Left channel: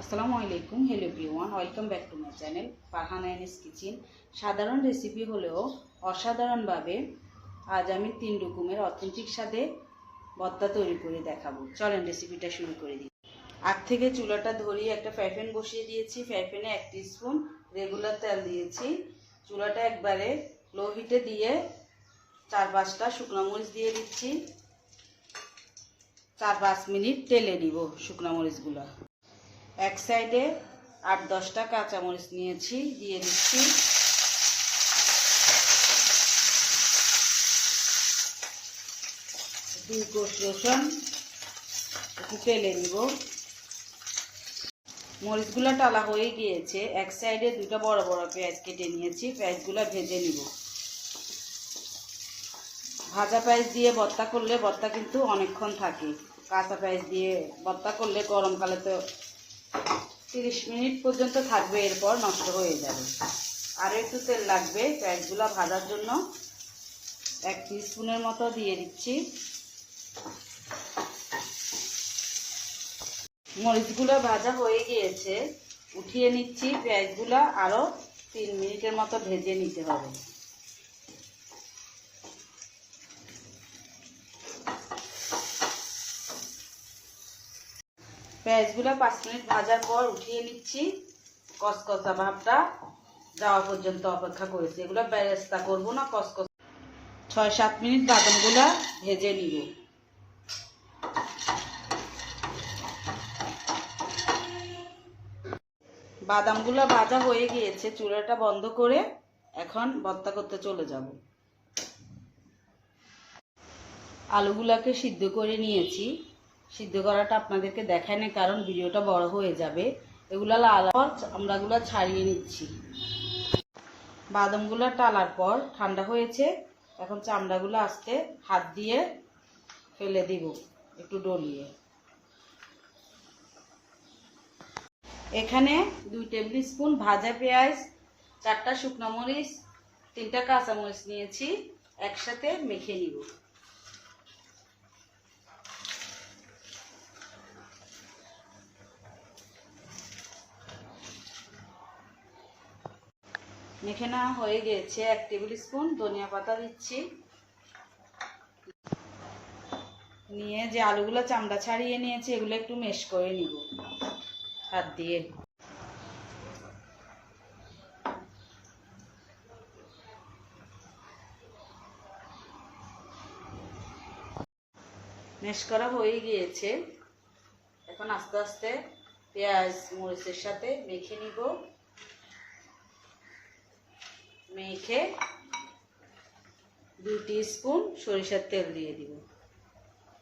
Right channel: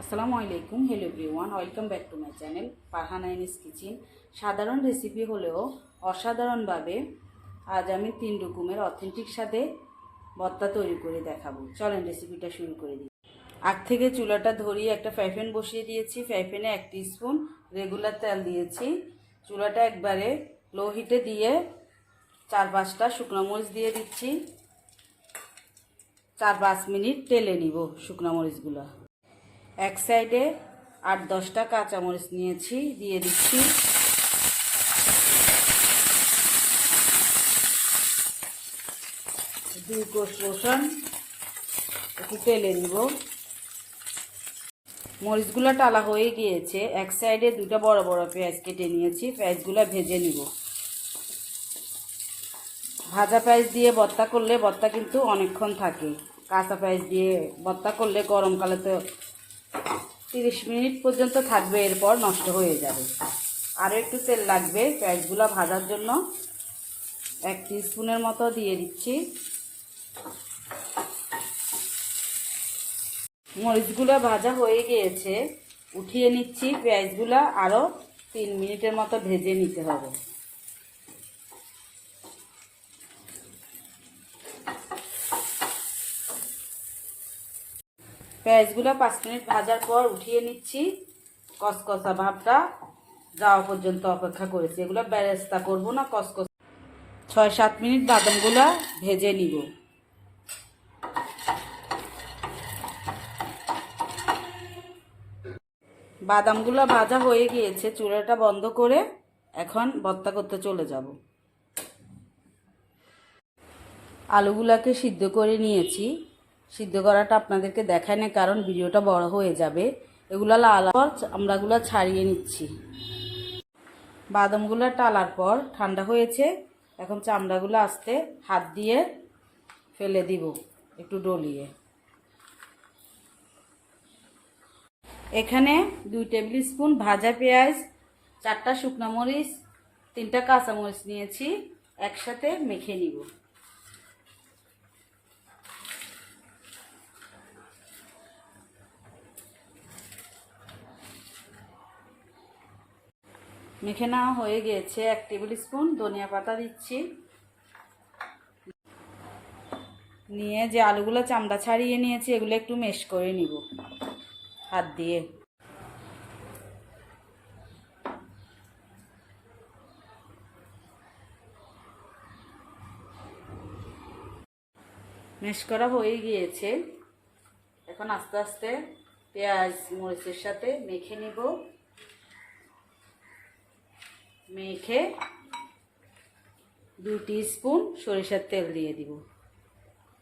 আসসালামু আলাইকুম, hello everyone, welcome back to my channel Farhana Ani's kitchen. সাধারণ রেসিপি হলেও অসাধারণভাবে আজ আমি 3 রকমের অথেন্টিক স্বাদে ভর্তা তৈরি করে দেখাবো। চলেন রেসিপিটা শুরু করে দিই। আগ থেকে চুলাটা ধরিয়ে একটা ফ্রাই প্যান বসিয়ে দিয়েছি। ফ্রাই প্যানে 1 টিস্পুন রেগুলার তেল দিয়েছি। চুলাটা একবারে লো হিটে দিয়ে 4-5টা শুকনো মরিচ দিয়ে দিচ্ছি। 4-5 মিনিট তেলে নিব শুকনো মরিচগুলো। এক সাইডে 8-10টা কাঁচামরিচ নিয়েছি, দিয়ে দিচ্ছি। দুই কোষ রসুন একটু তেলে নিব। মরিচগুলো টালা হয়ে গিয়েছে। এক সাইডে 2টা বড় বড় পেঁয়াজ কেটে নিয়েছি। পেঁয়াজগুলো ভেজে নিব। ভাজা পেঁয়াজ দিয়ে ভর্তা করলে ভর্তা কিন্তু অনেকক্ষণ থাকে। কাঁচা পেঁয়াজ দিয়ে ভর্তা করলে গরমকালে তো 30 মিনিট পর্যন্ত থাকবে, এরপর নষ্ট হয়ে যাবে। আরও একটু তেল লাগবে পেঁয়াজগুলো ভাজার জন্য। 1 টিস্পুনের মতো দিয়ে দিচ্ছি। মরিচগুলো ভাজা হয়ে গিয়েছে, উঠিয়ে নিচ্ছি। পেঁয়াজগুলো আরও 3 মিনিটের মতো ভেজে নিতে হবে। পেঁয়াজগুলো 5 মিনিট ভাজার পর উঠিয়ে নিচ্ছি। কসকসা ভাবটা যাওয়া পর্যন্ত অপেক্ষা করেছি। এগুলো বেরেস্তা করবো না, কসকস। 6-7 মিনিট বাদামগুলো ভেজে নিব। বাদামগুলো ভাজা হয়ে গিয়েছে, চুলাটা বন্ধ করে এখন ভর্তা করতে চলে যাব। আলুগুলাকে সিদ্ধ করে নিয়েছি। সিদ্ধ করাটা আপনাদেরকে দেখাই না, কারণ ভিডিওটা বড় হয়ে যাবে। এগুলো লাল পর চামড়াগুলো ছাড়িয়ে নিচ্ছি। বাদামগুলো টালার পর ঠান্ডা হয়েছে। এখন চামড়াগুলো আস্তে হাত দিয়ে ফেলে দিব, একটু ডলিয়ে। এখানে 2 টেবিল স্পুন ভাজা পেঁয়াজ, 4টা শুকনো মরিচ, 3টা কাঁচামরিচ নিয়েছি, একসাথে মেখে নিব। মেখে নেওয়া হয়ে গিয়েছে। 1 টেবিল স্পুন ধনিয়া পাতা দিচ্ছি। নিয়ে যে আলুগুলো চামড়া ছাড়িয়ে নিয়েছি, এগুলো একটু মেশ করে নিব হাত দিয়ে। মেশ করা হয়ে গিয়েছে। এখন আস্তে আস্তে পেঁয়াজ মরিচের সাথে মেখে নিব। মেখে 2 টিস্পুন সরিষার তেল দিয়ে দিব।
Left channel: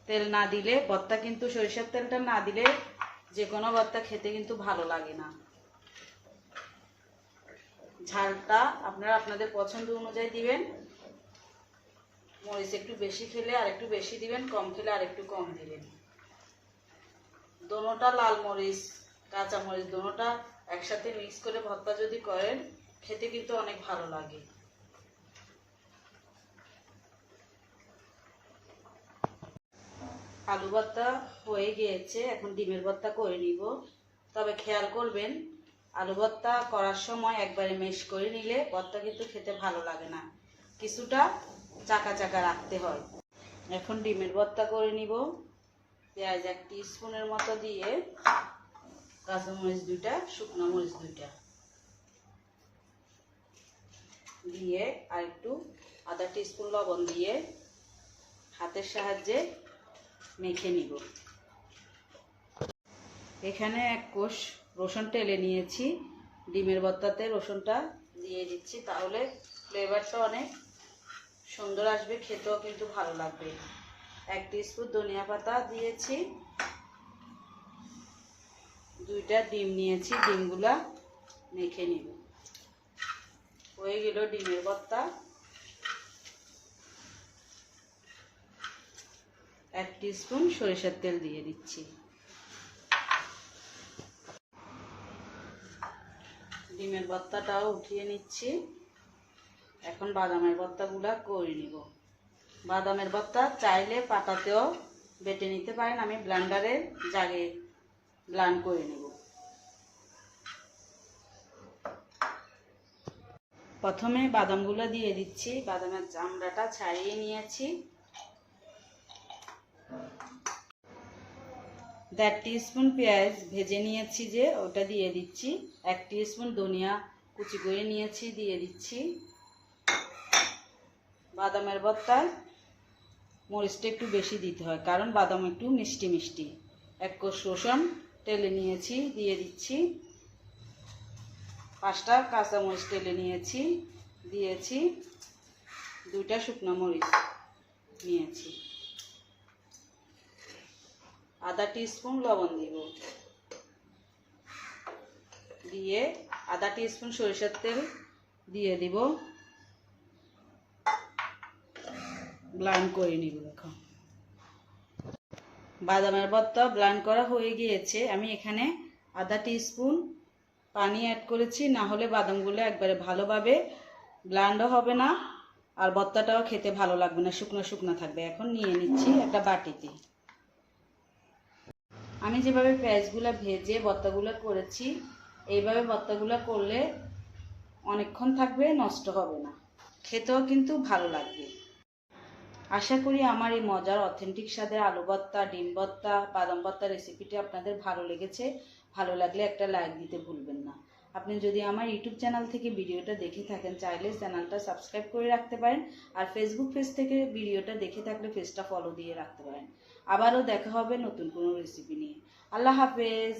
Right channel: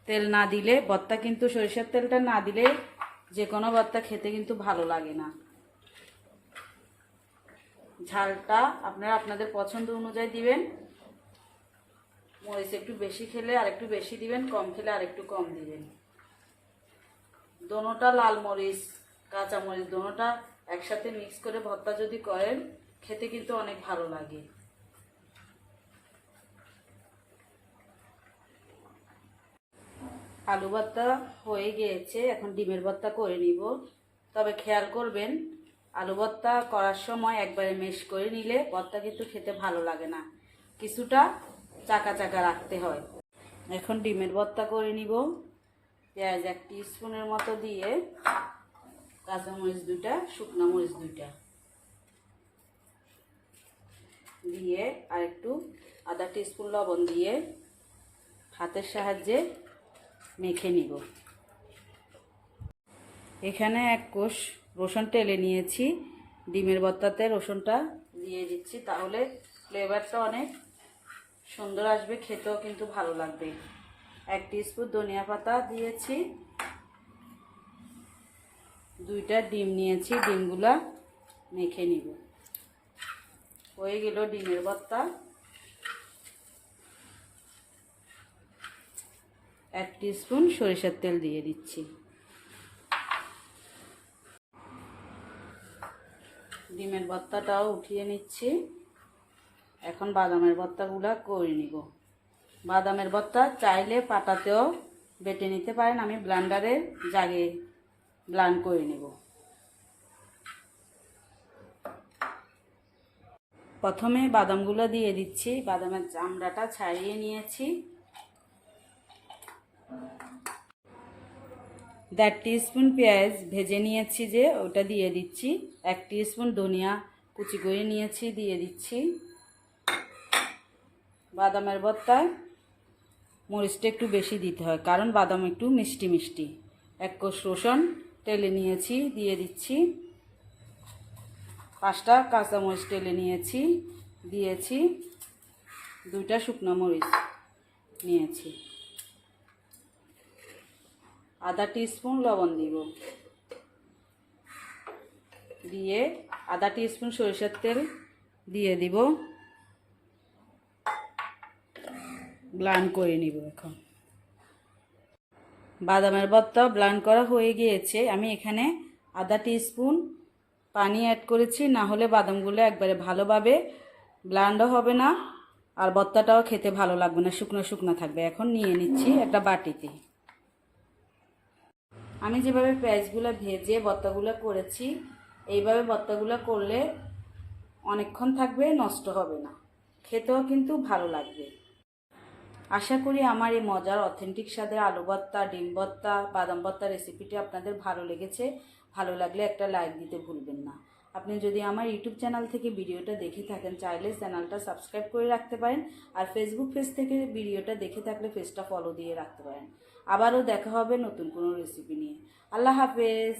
তেল না দিলে ভর্তা কিন্তু, সরিষার তেলটা না দিলে যে কোনো ভর্তা খেতে কিন্তু ভালো লাগে না। ঝালটা আপনারা আপনাদের পছন্দ অনুযায়ী দিবেন। মরিচ একটু বেশি খেলে আর একটু বেশি দিবেন, কম খেলে আর একটু কম দিবেন। দোনোটা লাল মরিচ কাঁচা মরিচ দোনোটা একসাথে মিক্স করে ভর্তা যদি করেন, খেতে কিন্তু অনেক ভালো লাগে। আলু ভর্তা হয়ে গিয়েছে, এখন ডিমের ভর্তা করে নিব। তবে খেয়াল করবেন, আলু ভর্তা করার সময় একবারে মেশ করে নিলে ভর্তা কিন্তু খেতে ভালো লাগে না, কিছুটা চাকা চাকা রাখতে হয়। এখন ডিমের ভর্তা করে নিব। পেঁয়াজ 1 টিস্পুনের মতো দিয়ে, কাঁচামরিচ 2টা, শুকনো মরিচ 2টা দিয়ে, আর একটু আধা টিস্পুন লবণ দিয়ে হাতের সাহায্যে মেখে নিব। এখানে 1 কোষ রসুন টেলে নিয়েছি। ডিমের ভর্তাতে রসুনটা দিয়ে দিচ্ছি, তাহলে ফ্লেভারটা অনেক সুন্দর আসবে, খেতেও কিন্তু ভালো লাগবে। 1 টিস্পুন ধনিয়া পাতা দিয়েছি। 2টা ডিম নিয়েছি, ডিমগুলা মেখে নিব। হয়ে গেল ডিমের ভর্তা। 1 টিস্পুন সরিষার তেল দিয়ে দিচ্ছি। ডিমের ভর্তাটাও উঠিয়ে নিচ্ছি। এখন বাদামের ভর্তাগুলো করে নিব। বাদামের ভর্তা চাইলে পাটাতেও বেটে নিতে পারেন, আমি ব্লেন্ডারে জাগে ব্লেন্ড করে নেব। প্রথমে বাদামগুলো দিয়ে দিচ্ছি, বাদামের চামড়াটা ছাড়িয়ে নিয়েছি। 1.5 টিস্পুন পেঁয়াজ ভেজে নিয়েছি যে ওটা দিয়ে দিচ্ছি। 1 টিস্পুন ধনিয়া কুচি করে নিয়েছি, দিয়ে দিচ্ছি। বাদামের ভর্তায় মরিচটা একটু বেশি দিতে হয়, কারণ বাদাম একটু মিষ্টি মিষ্টি। 1 কোষ রসুন টেলে নিয়েছি, দিয়ে দিচ্ছি। 5টা কাঁচামরিচ টেলে নিয়েছি, দিয়েছি। 2টা শুকনো মরিচ নিয়েছি। আধা টিস্পুন লবণ দিব, দিয়ে আধা টিস্পুন সরিষার তেল দিয়ে দিব। ব্লেন্ড করে নিব। এখন বাদামের ভর্তা ব্লেন্ড করা হয়ে গিয়েছে। আমি এখানে আধা টিস্পুন পানি অ্যাড করেছি, না হলে বাদামগুলো একবারে ভালোভাবে ব্লেন্ডও হবে না, আর ভর্তাটাও খেতে ভালো লাগবে না, শুকনো শুকনো থাকবে। এখন নিয়ে নিচ্ছি একটা বাটিতে। আমি যেভাবে পেঁয়াজগুলো ভেজে ভর্তাগুলো করেছি, এইভাবে ভর্তাগুলো করলে অনেকক্ষণ থাকবে, নষ্ট হবে না, খেতেও কিন্তু ভালো লাগবে। আশা করি আমার এই মজার অথেন্টিক স্বাদের আলু ভর্তা, ডিম ভর্তা, বাদাম ভর্তা রেসিপিটি আপনাদের ভালো লেগেছে। ভালো লাগলে একটা লাইক দিতে ভুলবেন না। আপনি যদি আমার ইউটিউব চ্যানেল থেকে ভিডিওটা দেখে থাকেন, চাইলে চ্যানেলটা সাবস্ক্রাইব করে রাখতে পারেন। আর ফেসবুক পেজ থেকে ভিডিওটা দেখে থাকলে পেজটা ফলো দিয়ে রাখতে পারেন। আবারও দেখা হবে নতুন কোনো রেসিপি নিয়ে। আল্লাহ হাফেজ।